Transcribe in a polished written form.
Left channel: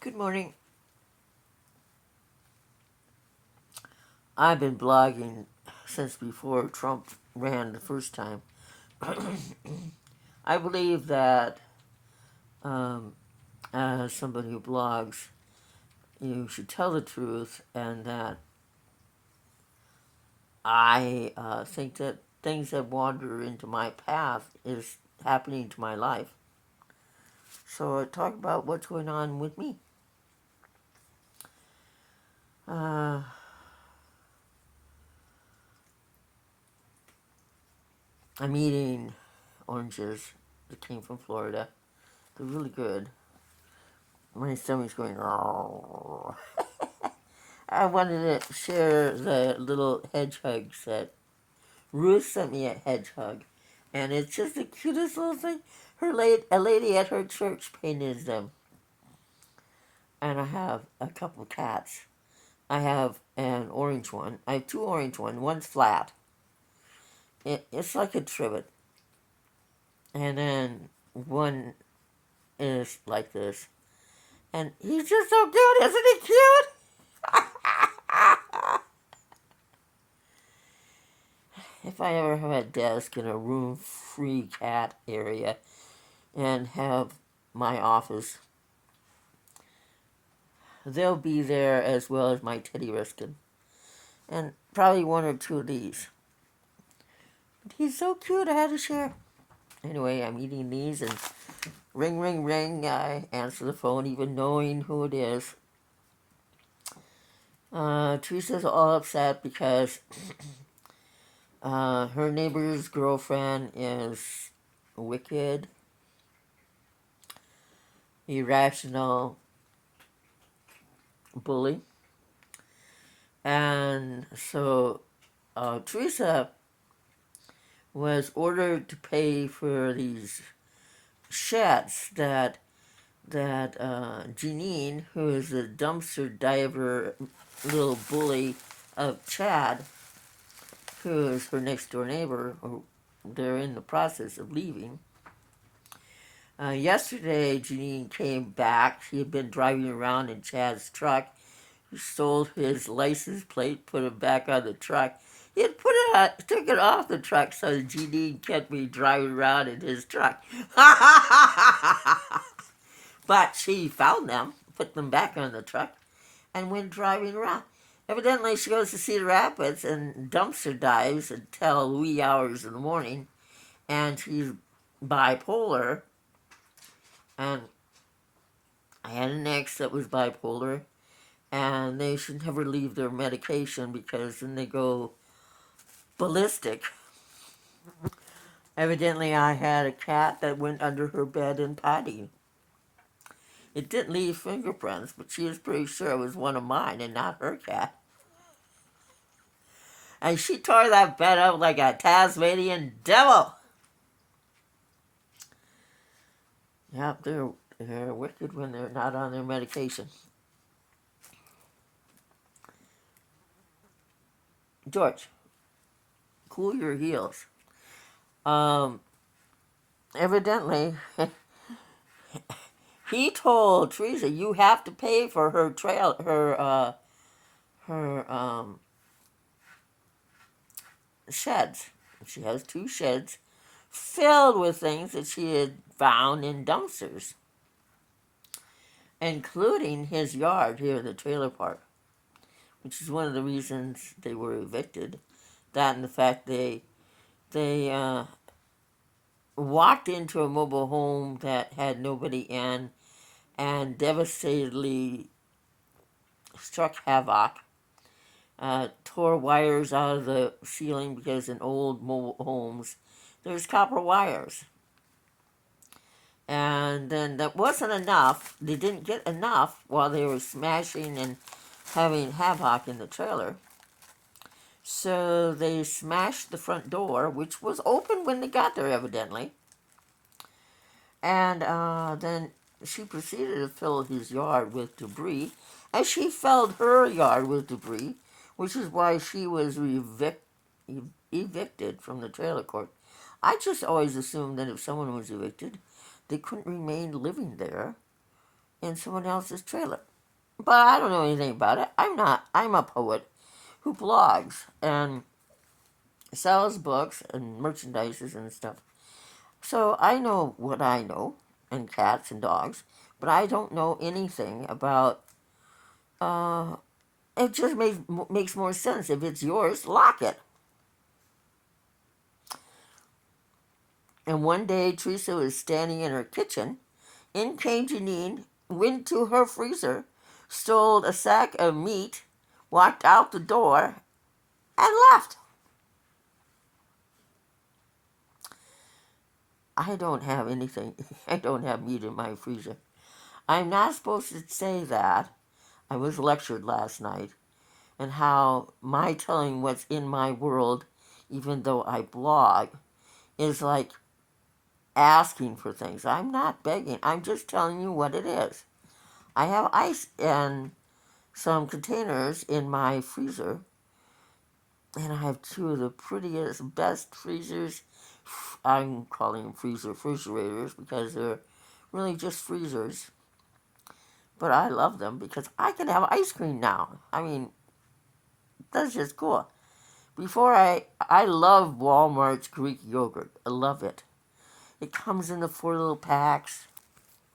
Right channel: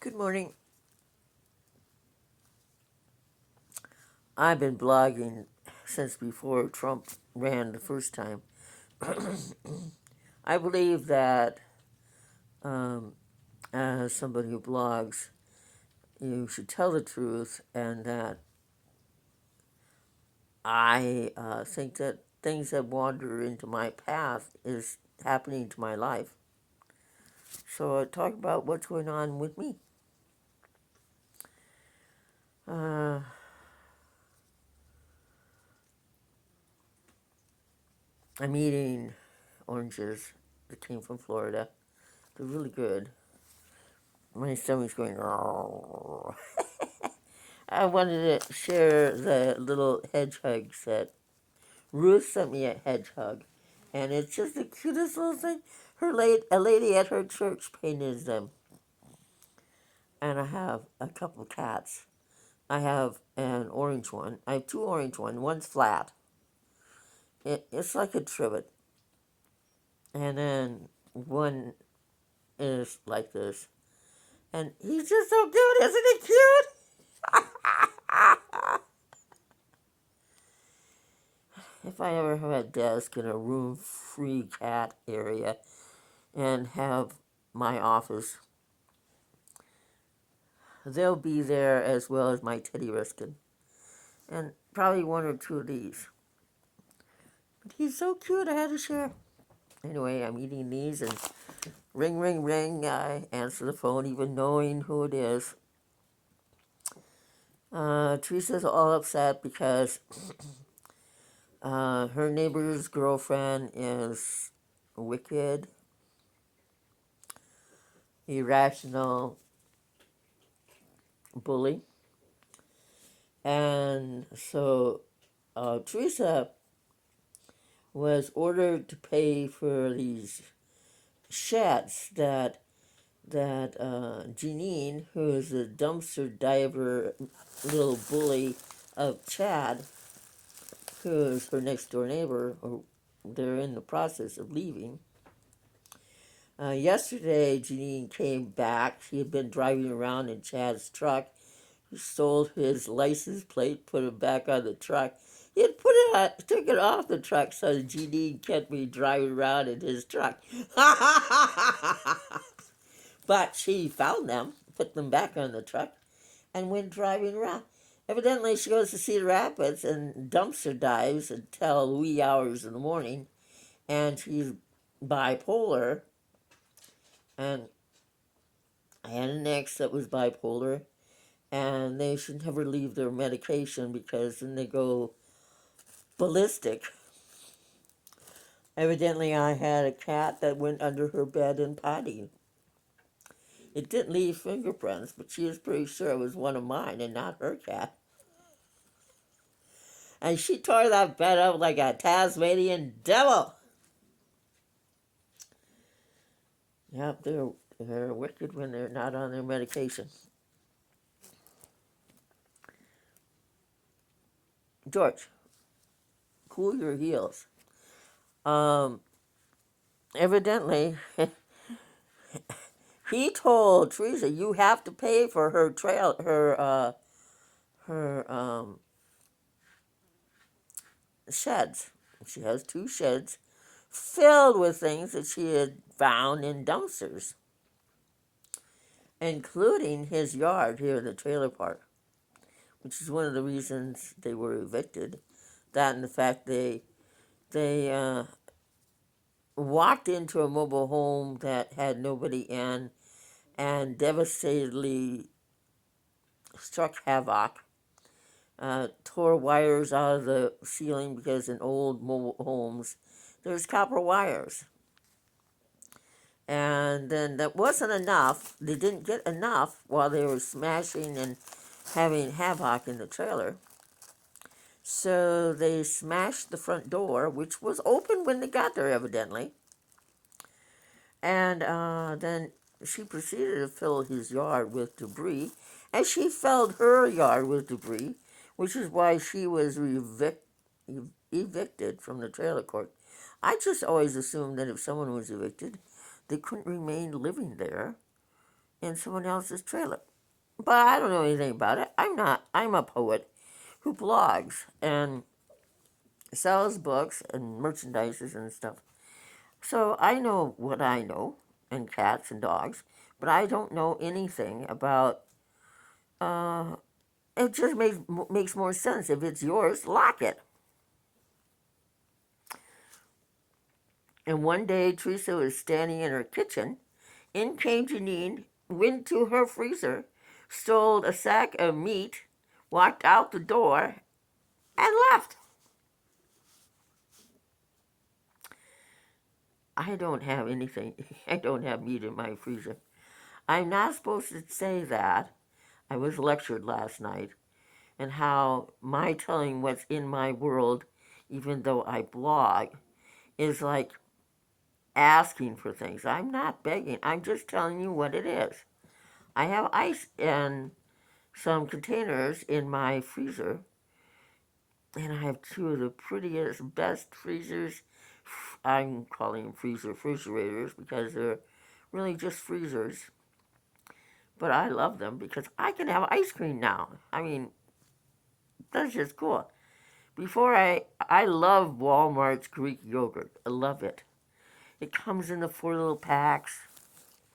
Good morning. I've been blogging since before Trump ran the first time. I believe that um, as somebody who blogs, you should tell the truth, and that I think that things that wander into my path is happening to my life. So I talk about what's going on with me. Uh, I'm eating oranges that came from Florida. They're really good. My stomach's going. I wanted to share the little hedgehogs that Ruth sent me a hedgehog, and it's just the cutest little thing. A lady at her church painted them, and I have a couple cats. I have an orange one. I have two orange ones. One's flat. It's like a trivet, and then one is like this. And he's just so cute, isn't he cute? If I ever have a desk in a room-free cat area and have my office, they'll be there as well as my Teddy Ruskin. And probably one or two of these. But he's so cute, I had to share. Anyway, I'm eating these, and ring, ring, ring. I answer the phone, even knowing who it is. Teresa's all upset because her neighbor's girlfriend is wicked, irrational bully. And so Teresa was ordered to pay for these sheds that Janine, who is a dumpster diver little bully of Chad, who is her next door neighbor, or they're in the process of leaving. Yesterday, Janine came back. She had been driving around in Chad's truck. He stole his license plate, put it back on the truck. He had took it off the truck so Janine kept me driving around in his truck. But she found them, put them back on the truck, and went driving around. Evidently, she goes to Cedar Rapids and dumpster dives until wee hours in the morning, and she's bipolar. And I had an ex that was bipolar, and they should never leave their medication because then they go ballistic. Evidently, I had a cat that went under her bed and potty. It didn't leave fingerprints, but she was pretty sure it was one of mine and not her cat. And she tore that bed up like a Tasmanian devil. Yep, they're wicked when they're not on their medication. George, cool your heels. Evidently, he told Teresa, you have to pay for her sheds. She has two sheds filled with things that she had found in dumpsters, including his yard here in the trailer park, which is one of the reasons they were evicted. That and the fact they walked into a mobile home that had nobody in and devastatedly struck havoc, tore wires out of the ceiling because in old mobile homes there's copper wires. And then that wasn't enough. They didn't get enough while they were smashing and having havoc in the trailer. So they smashed the front door, which was open when they got there, evidently. And then she proceeded to fill his yard with debris, and she filled her yard with debris, which is why she was evicted from the trailer court. I just always assumed that if someone was evicted, they couldn't remain living there in someone else's trailer. But I don't know anything about it. I'm a poet who blogs and sells books and merchandises and stuff. So I know what I know, and cats and dogs, but I don't know anything about. It just makes more sense. If it's yours, lock it. And one day, Teresa was standing in her kitchen. In came Janine, went to her freezer, stole a sack of meat, walked out the door, and left. I don't have anything. I don't have meat in my freezer. I'm not supposed to say that. I was lectured last night, and how my telling what's in my world, even though I blog, is like asking for things. I'm not begging. I'm just telling you what it is. I have ice and some containers in my freezer, and I have two of the prettiest, best freezers. I'm calling them refrigerators because they're really just freezers. But I love them because I can have ice cream now. I mean, that's just cool. I love Walmart's Greek yogurt. I love it. It comes in the 4 little packs.